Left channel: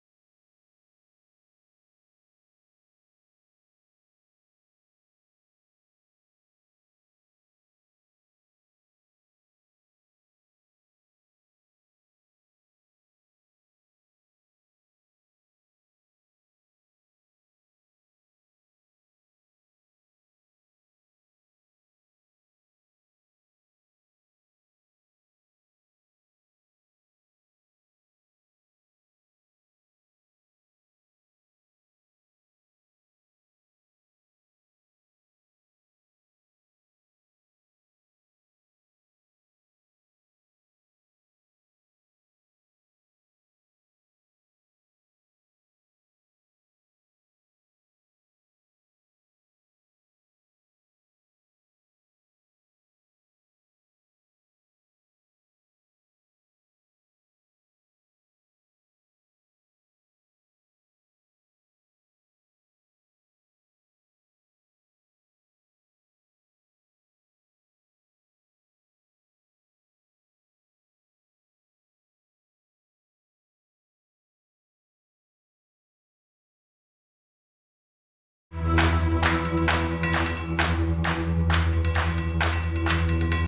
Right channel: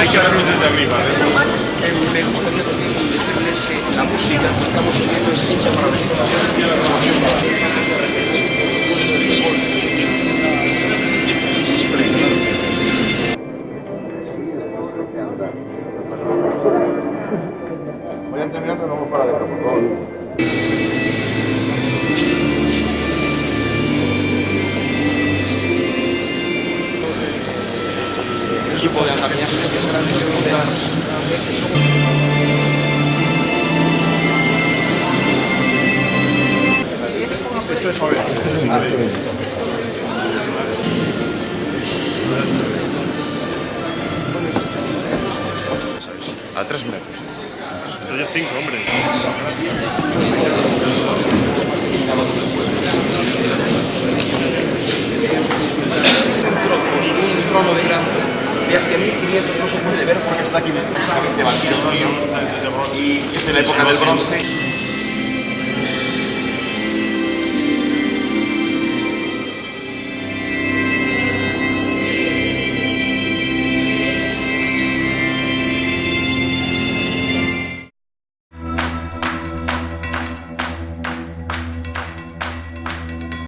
hay que verlos desde arriba. Me gustaría también decirles que la música que estamos oyendo es hecha para Vayan terminando, no vamos para adentro, por favor. equipo de estos grandes europeos. Esto es joven, esto es increíble. A 3 metros. Estoy a 5, hombre. Un trono de gracia de hacia 1500 no se puede ver porque está aquí exactamente batido y es de la época del bronce.